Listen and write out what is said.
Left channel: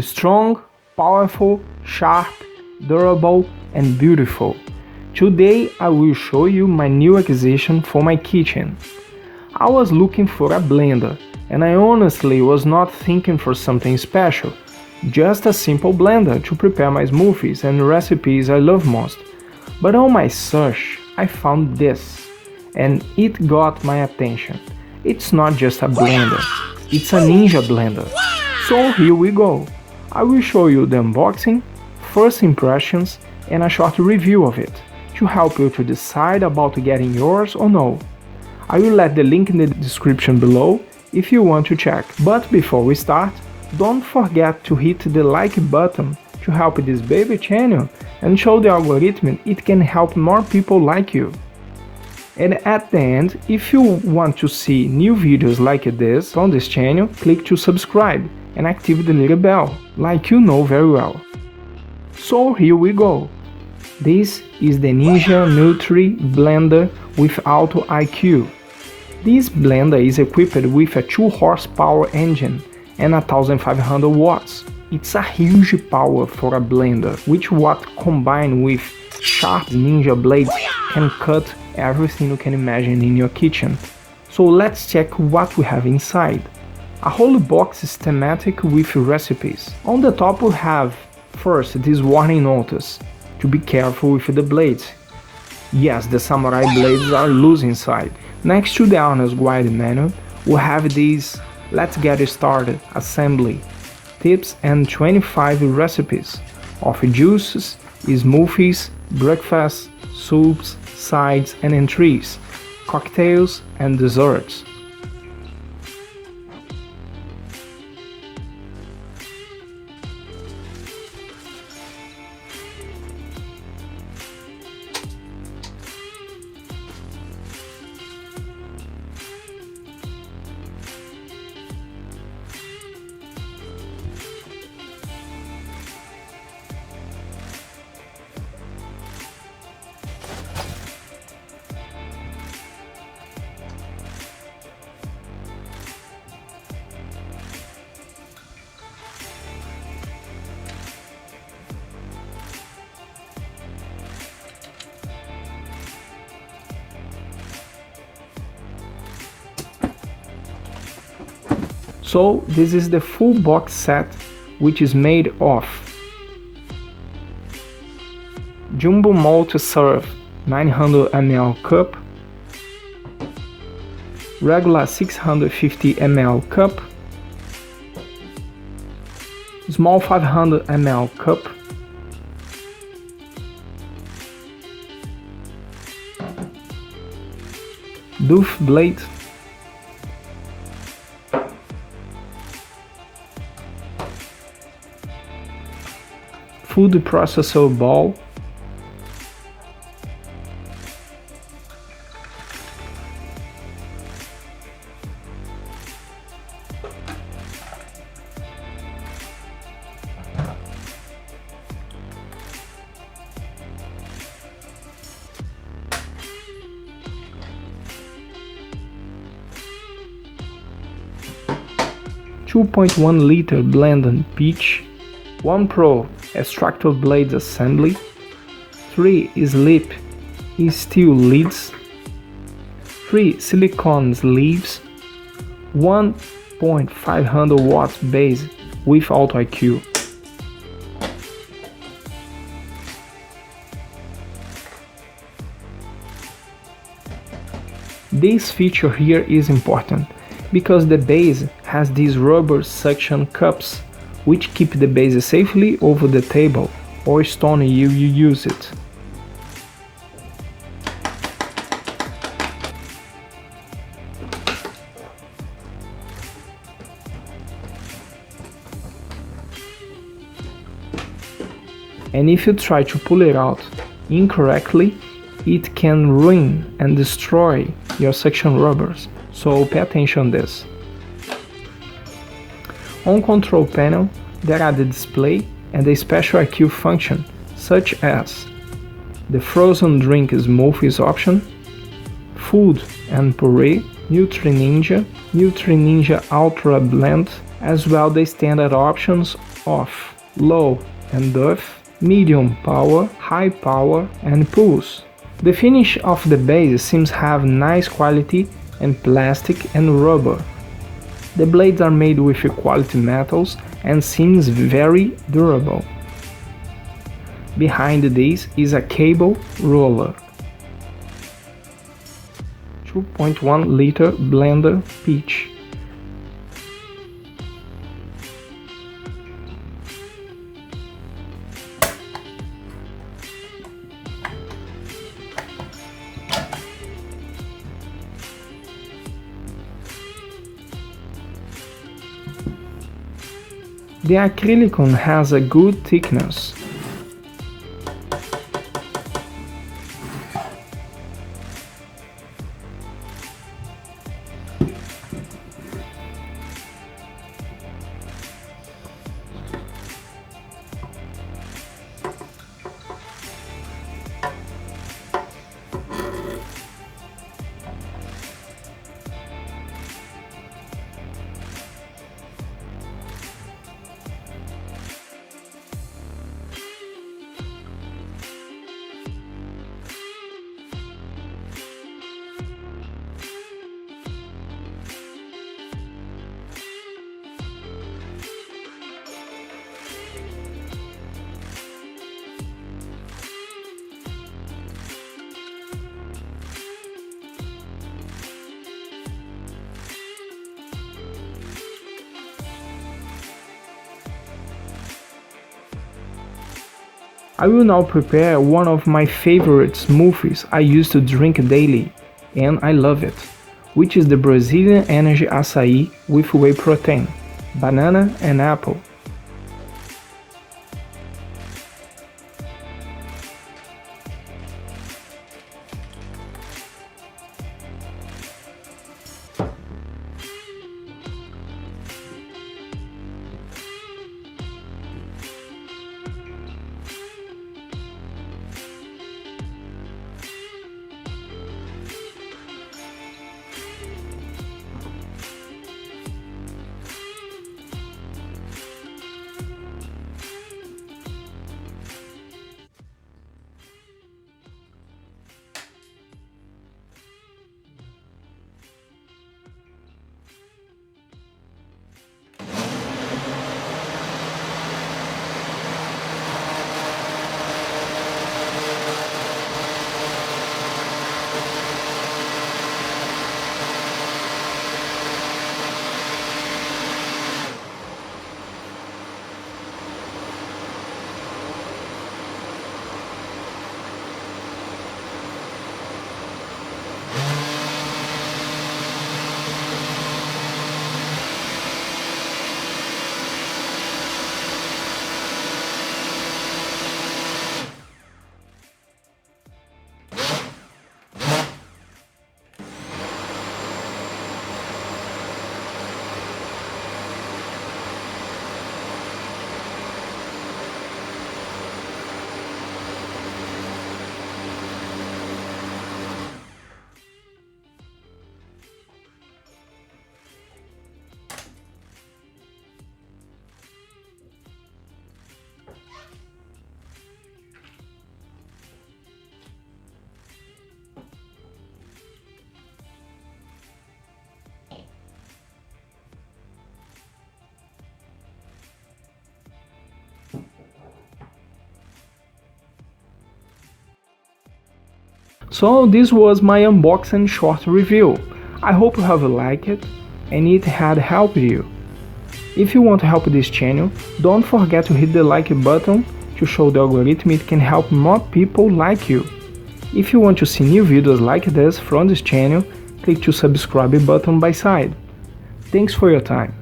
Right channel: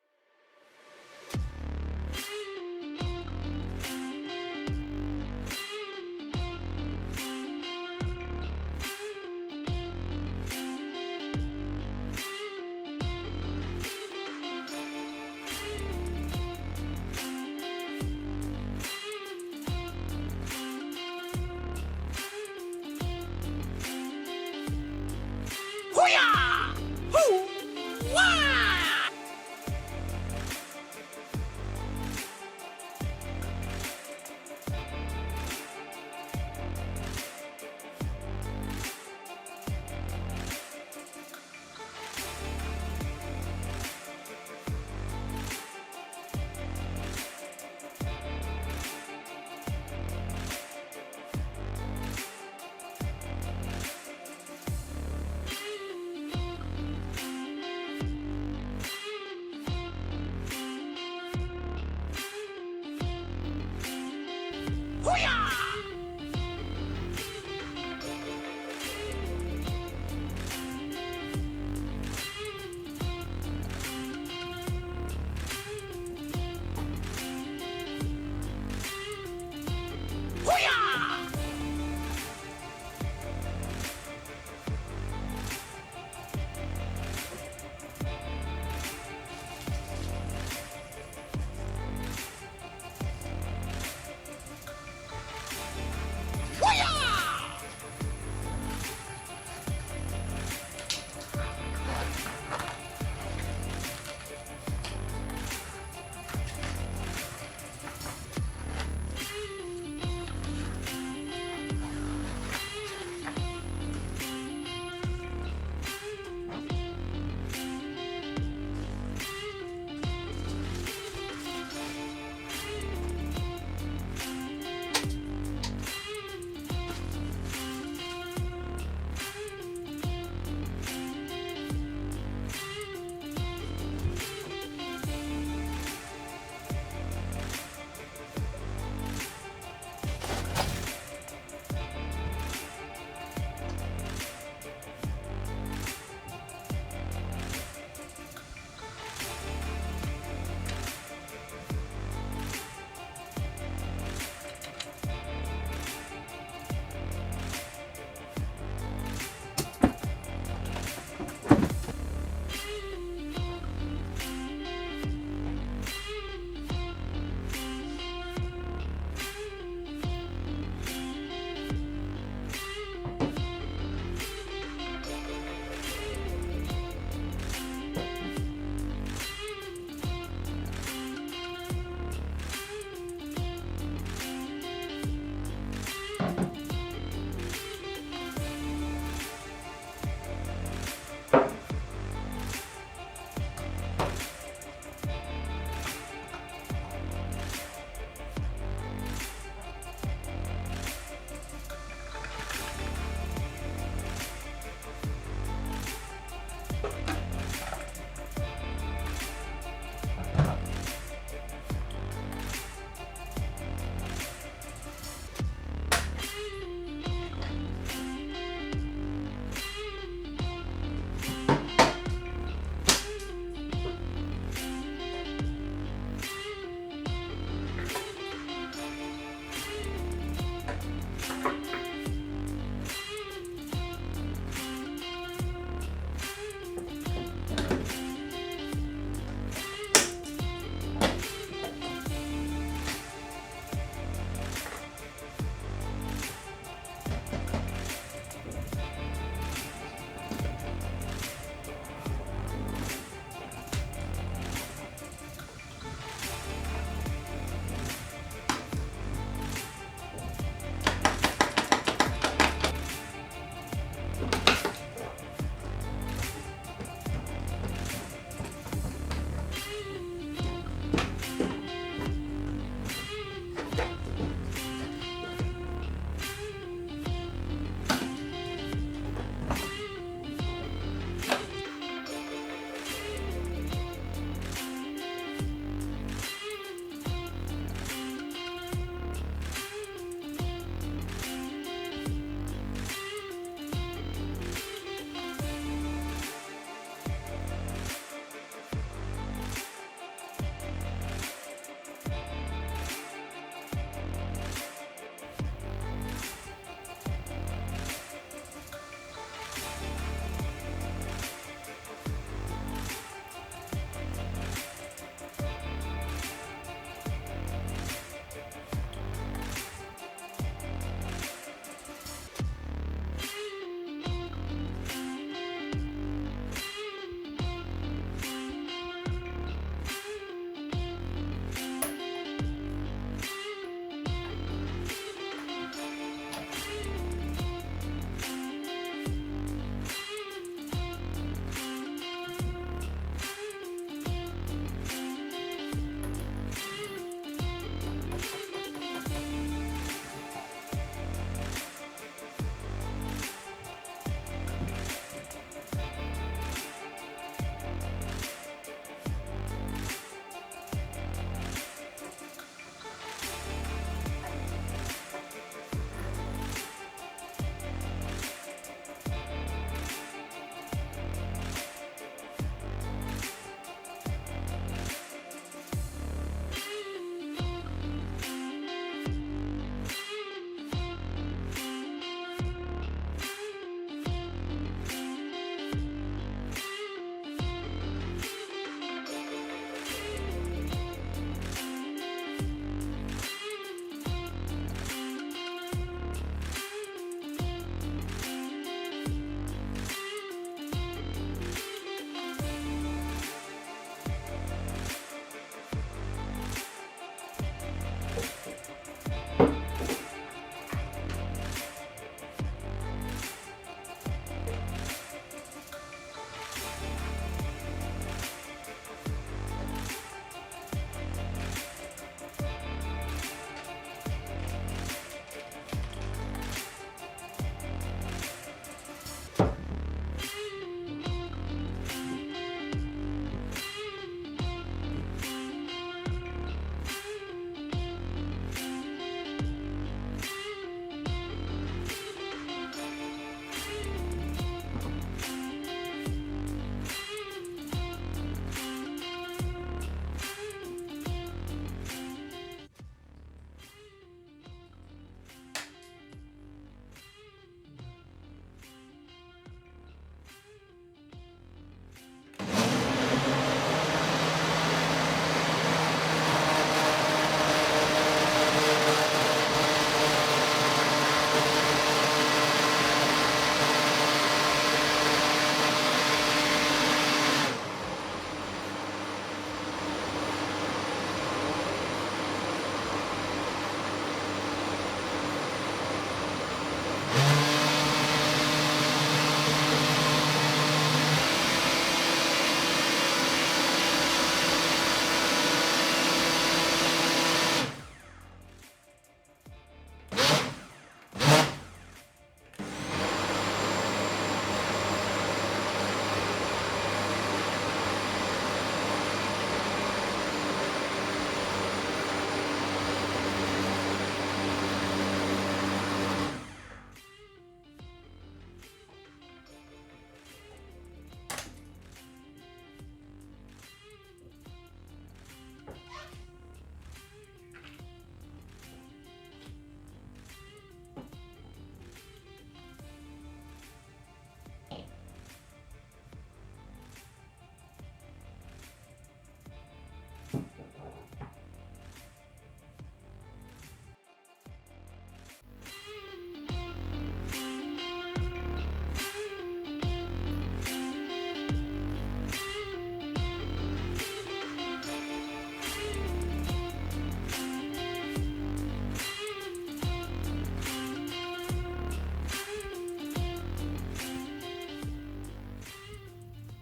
Strong, powerful, sharp, durable, and beautiful. Today I will show you my new acquisition for my kitchen. I was looking for a blender, and I honestly was not thinking for something special. Just a simple blender to prepare my smoothies and recipes I love most. But on my search, I found this, and it got my attention. It's not just a blender, it's a ninja blender. So here we go. I will show you the unboxing, first impressions, and a short review of it, to help you to decide about getting yours or no. I will let the link in the description below if you want to check. But before we start, don't forget to hit the like button to help this baby channel and show the algorithm it can help more people like you. And at the end, if you want to see new videos like this on this channel, click to subscribe and activate the little bell, like you know very well. So here we go. This is the Ninja Nutri blender with Auto IQ. This blender is equipped with a 2 horsepower engine and 1500 watts. It's a huge power for a blender, which what combined with sharp ninja blades can cut everything you can imagine in your kitchen. So let's check what we have inside. A whole box is thematic with recipes. On the top we have first this warning notice to be careful with the blades. Yes, the samurai blades are loose inside. Next to the owner's guide manual we have this "Let's get started" assembly tips and 25 recipes of juices, smoothies, breakfasts, soups, sides and entries, cocktails and desserts. So this is the full box set, which is made of Jumbo multi-serve 900 ml cup, regular 650 ml cup, small 500 ml cup, doof blade, food processor ball, .1 liter blended pitch, 1 Pro Extractor blade assembly, 3 slip steel lids, 3 silicone sleeves, 1.500 watts base with Auto IQ. This feature here is important because the base has these rubber suction cups which keep the base safely over the table or stone you use it. And if you try to pull it out incorrectly, it can ruin and destroy your suction rubbers, so pay attention on this. On control panel, there are the display and the special IQ function, such as the frozen drink smoothies option, food and puree, Nutri Ninja Ultra Blend, as well the standard options of low and earth, medium power, high power and pulse. The finish of the base seems to have nice quality and plastic and rubber. The blades are made with quality metals and seems very durable. Behind this is a cable roller. 2.1 liter blender pitch. The acrylic has a good thickness. I will now prepare one of my favorite smoothies I used to drink daily, and I love it, which is the Brazilian Energy Acai with whey protein, banana and apple. So this was my unboxing short review. I hope you have liked it and it had helped you. If you want to help this channel, don't forget to hit the like button to show the algorithm it can help more people like you. If you want to see new videos like this from this channel, click to subscribe button by side. Thanks for your time.